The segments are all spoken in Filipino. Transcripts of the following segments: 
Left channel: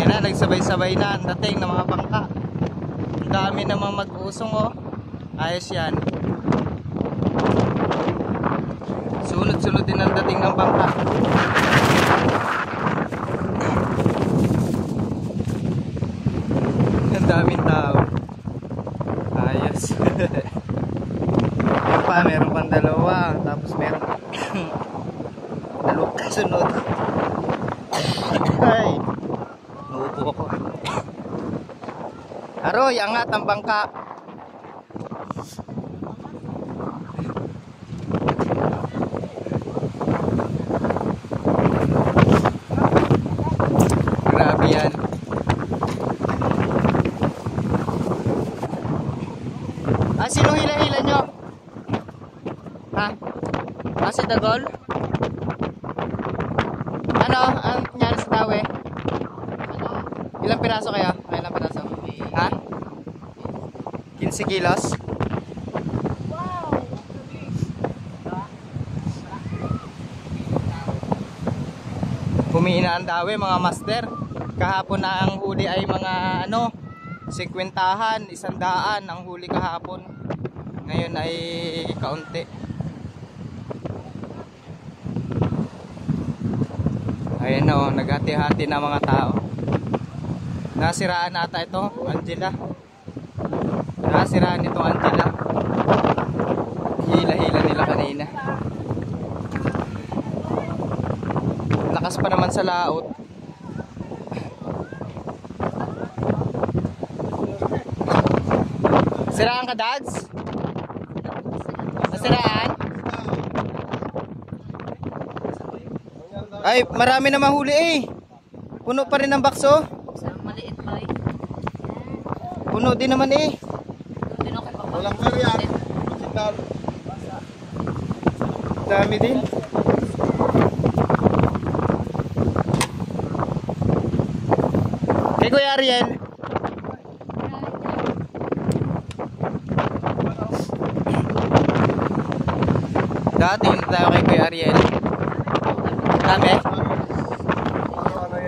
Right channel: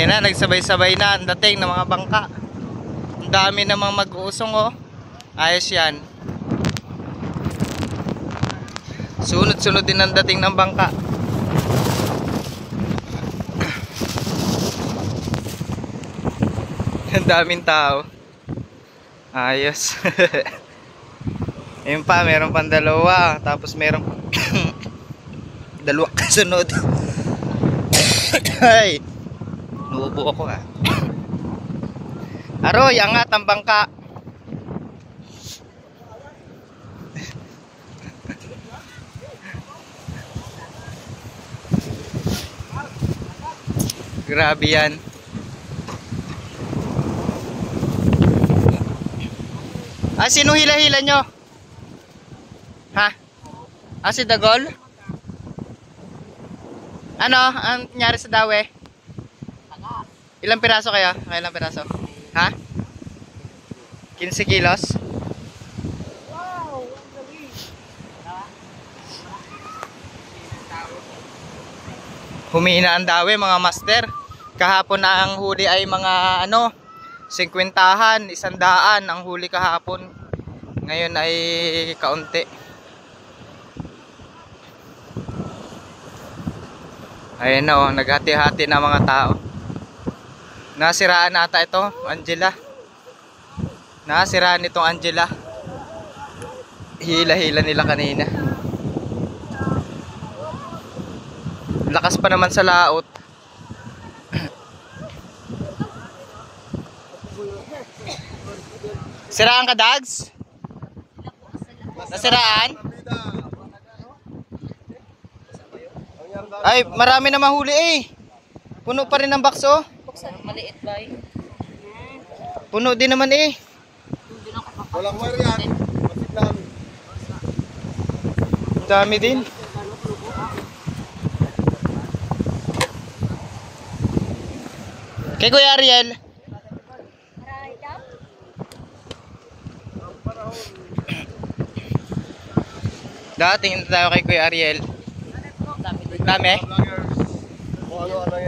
Ayan na, nagsabay-sabay na ang dating ng mga bangka. Ang dami namang mag-uusong oh. Ayos yan. Sunod-sunod din ang dating ng bangka. Ang daming tao. Ayos. Yun pa, meron pang dalawa. Tapos meron dalawang kasunod. Ay, nuubo ako ah. Aroy, angat ang bangka. Grabe yan. Sino hila-hila nyo? Ha? Si Dagol? Ano? Ang nangyari sa dawe? Ilang piraso kaya? Ilang piraso? Ha? 15 kilos? Humina ang dawe mga master. Kahapon na ang huli ay mga 50-an, 100 ang huli kahapon. Ngayon ay kaunti. Ayan o, naghati-hati na mga tao. Nasiraan ata ito, Angela. Nasiraan itong Angela. Hila-hila nila kanina. Lakas pa naman sa laot. Siraan ka, Dags? Nasiraan? Ay, marami na mahuli eh. Puno pa rin ang bakso. Maliit ba eh? Puno din naman eh. Walang marian. Dami din. Kay Kuya Ariel. Tingin tayo kay Kuya Ariel. Dami?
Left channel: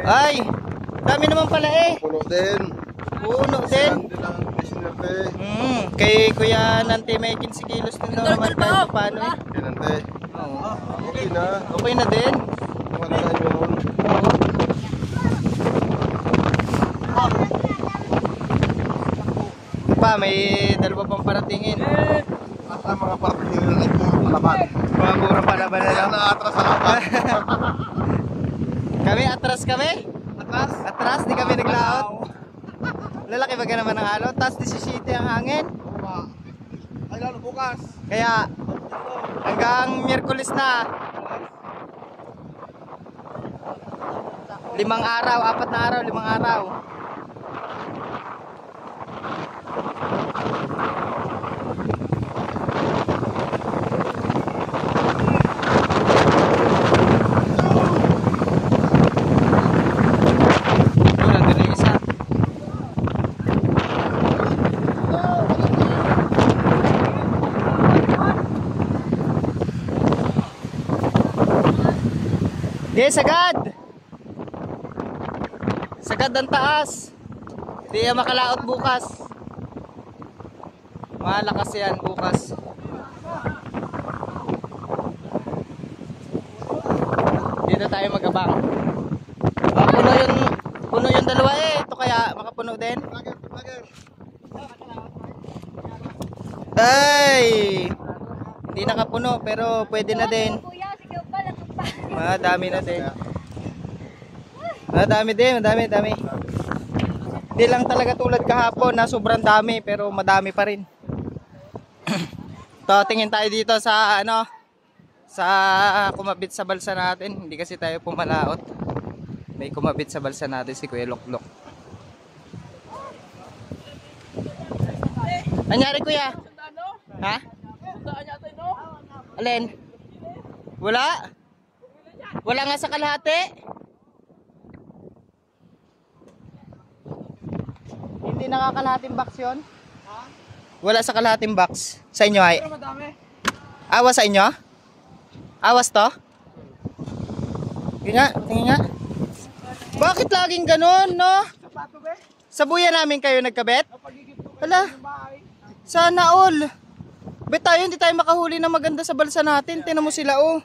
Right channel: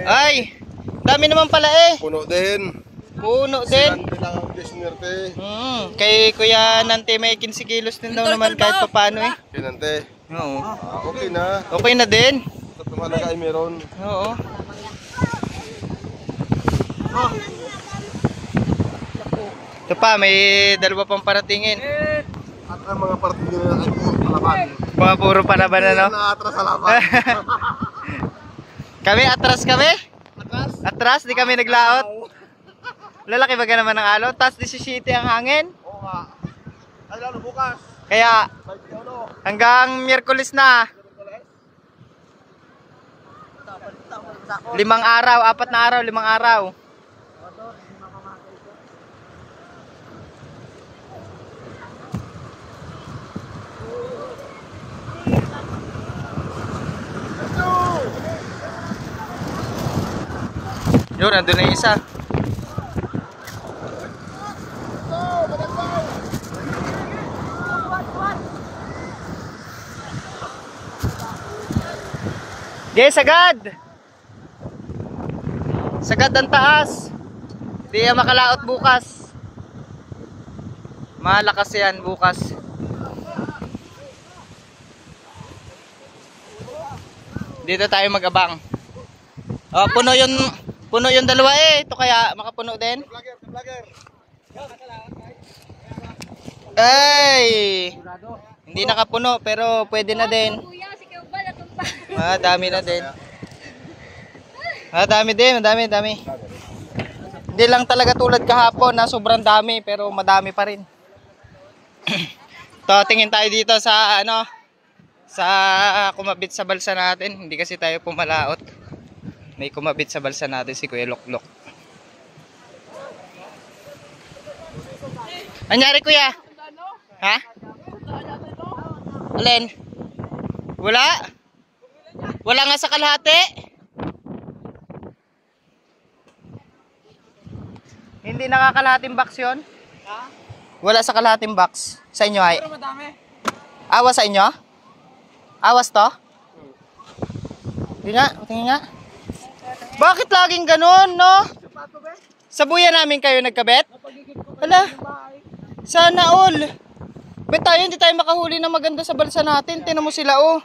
Ay! Dami naman pala eh. Puno din. Puno din. Kay Kuya Nante may 15 kilos din daw naman kahit pa paano eh. Kinante. Oo. Okay na. Okay na din. Ito halaga ay meron. Oo. Ito pa, may dalawa pang paratingin. At ang mga partido ay puro palaban. Mga puro palaban na no? Atras sa laban. Kami, atras kami? Atras? Atras, di kami naglaot. Lalaki ba ka naman ng alot? Tapos 17 ang hangin. Oo nga. Ay lalo bukas. Kaya hanggang Miyerkules na. 5 araw, 4 na araw, 5 araw. Doon, nandun na yung isa. Okay, sagad! Sagad ang taas. Di yan makalaot bukas. Malakas yan bukas. Dito tayo mag-abang. Oh, puno yung dalawa eh. Ito kaya makapuno din. Ay! Hindi nakapuno pero pwede na din. Madami na din. Madami din, madami. Hindi lang talaga tulad kahapon na sobrang dami pero madami pa rin. To, tingin tayo dito sa sa kumabit sa balsa natin. Hindi kasi tayo pumalaot. May kumabit sa balsa natin si Kuya Loklok. Anyari Kuya? Ha? Alin? Wala? Wala nga sa kalahati? Hindi nakakalahating box yun? Wala sa kalahating box. Sa inyo ay? Pero madami. Awas sa inyo? Awas to? Yun nga, tingin nga. Bakit laging ganun, no? Sa buya namin kayo nagkabet? Hala, sana all. Bet tayo, hindi tayo makahuli ng maganda sa balsa natin. Tinan mo sila, oh.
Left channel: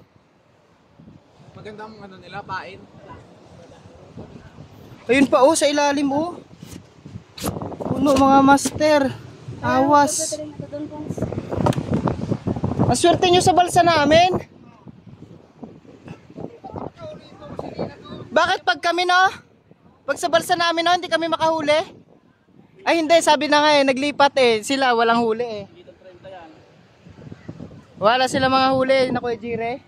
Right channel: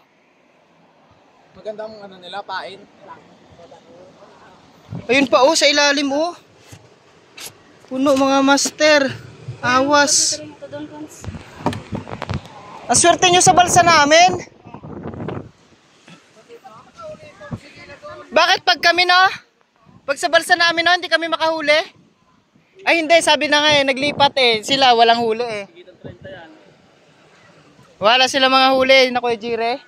Magandang ano nila, pain. Ayun pa, oh, sa ilalim, oh. Puno, mga master. Awas. Ang swerte nyo sa balsa namin. Bakit pag kami, no? Pag sa balsa namin, no, hindi kami makahuli? Ay, hindi. Sabi na nga eh, naglipat eh. Sila, walang huli eh. Wala sila mga huli, na Kuya Jire.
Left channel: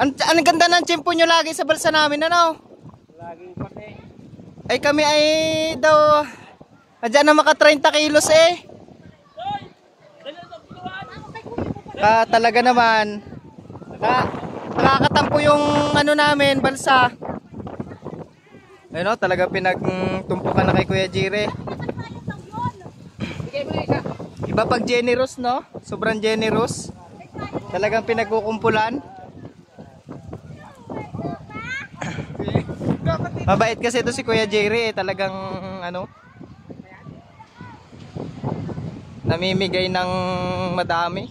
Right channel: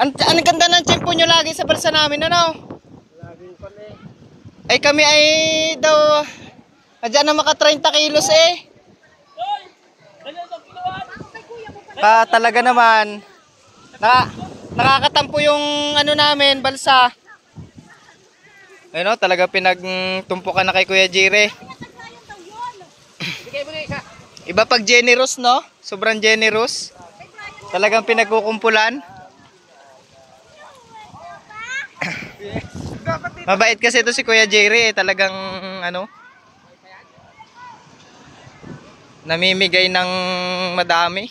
Ang ganda ng tiyempo nyo lagi sa balsa namin, ano? Ay, kami ay daw, adyan na maka 30 kilos eh. Talaga naman. Nakakatampo yung ano namin, balsa. Ano, talaga pinagtumpukan na kay Kuya Jire. Iba pag generous, no? Sobrang generous. Talagang pinagkukumpulan. Mabait kasi ito si Kuya Jire, eh. Talagang ano, namimigay ng madami.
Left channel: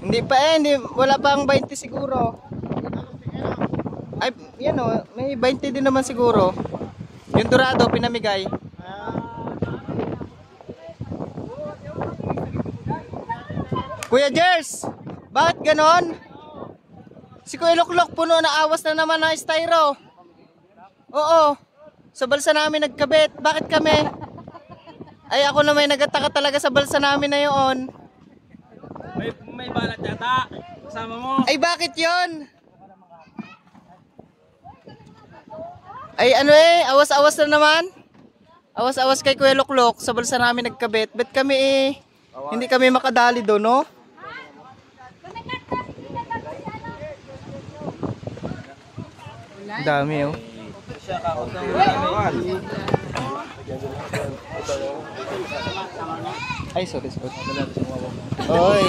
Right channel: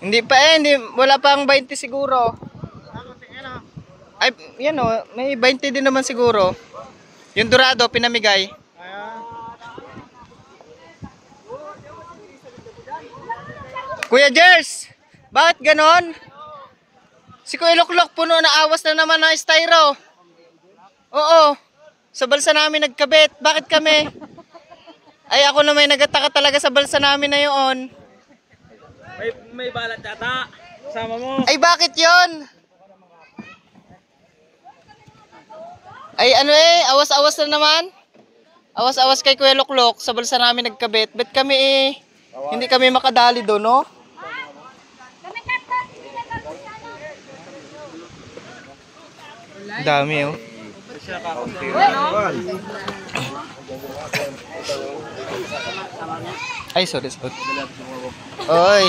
Hindi pa eh, wala pang 20 siguro. Ay, yan o, may 20 din naman siguro. Yung dorado, pinamigay. Kuya Jers, bakit ganon? Si Kuya Luklok puno na awas na naman ng styro. Oo, sa balsa namin nagkabit. Bakit kami? Ay, ako na may nagataka talaga sa balsa namin na yun. May balat yata. Kasama mo. Ay, bakit yon? Ay, ano eh, awas-awas na naman. Awas-awas kay Kuya Luklok, sa balsa namin nagkabit. Bet kami eh, hindi kami makadali doon, no? Dami, oh. Ay, sorry. Oy.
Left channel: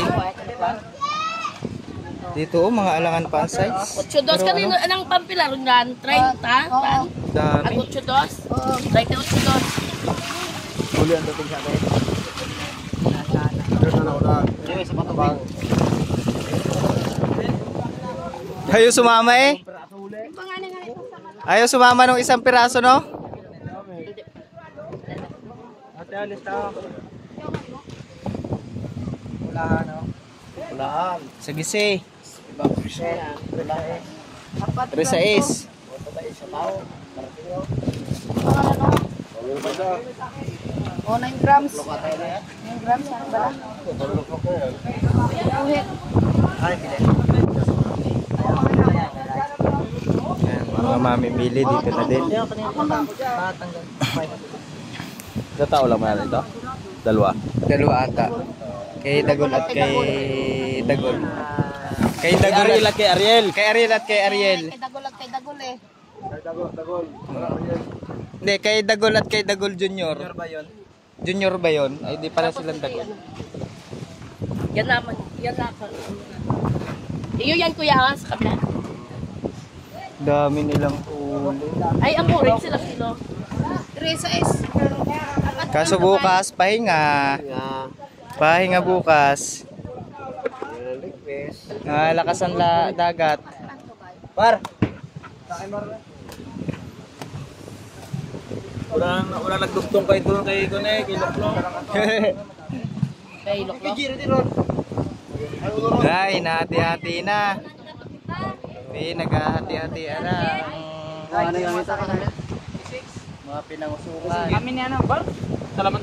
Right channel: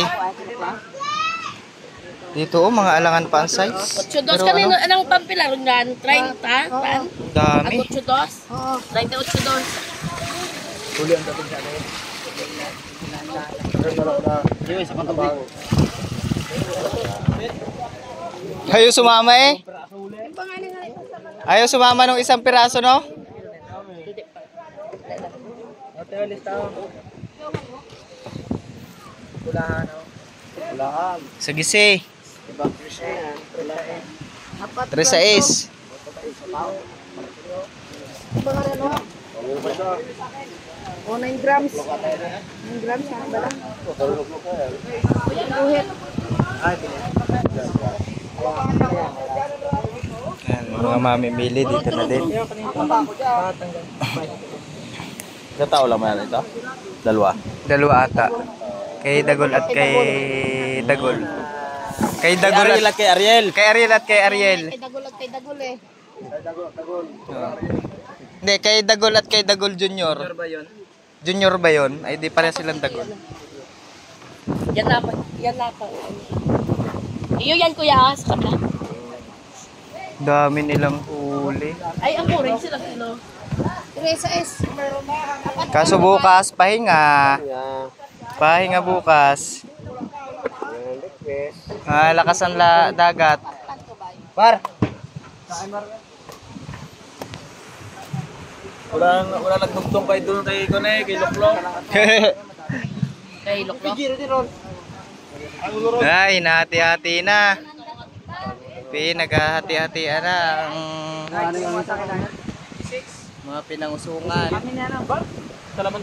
Dito, oh, mga alangan pa ang size. 82 kami ano? Anong pampilar yan? 30? Dami. 82? 38. Huli ang dating sa akin. Hindi, sa patabang. Ayaw sumama eh. Ayaw sumama ng isang piraso, no? Sa gisi. 36. 9 grams. 9 grams ang bala. Yan, mga mamimili dito na din. Katao lang man ito? Dalawa. Dalawa ata. Kay Dagol at kay Dagol. Kay Dagol Ariel at kay Ariel. Kay Ariel at kay Ariel. Kay Dagol eh. Hindi, kay Dagol at kay Dagol Junior. Junior ba yun? Ay, di pala silang Dagol. Yan lapan. Yan lapan. Iyo yan kuya sa kabila. Dami nilang huli. Ay, ang rin sila kilo. Teresa S. Kaso bukas, pahinga. Pahinga bukas. Lakas ang dagat. Par! Wala nagdugtong kay doon kay Luklok. Kay Luklok. Ay, nahati-hati na. Naghahati-hatian na ang mga pinangusungan. Salamat.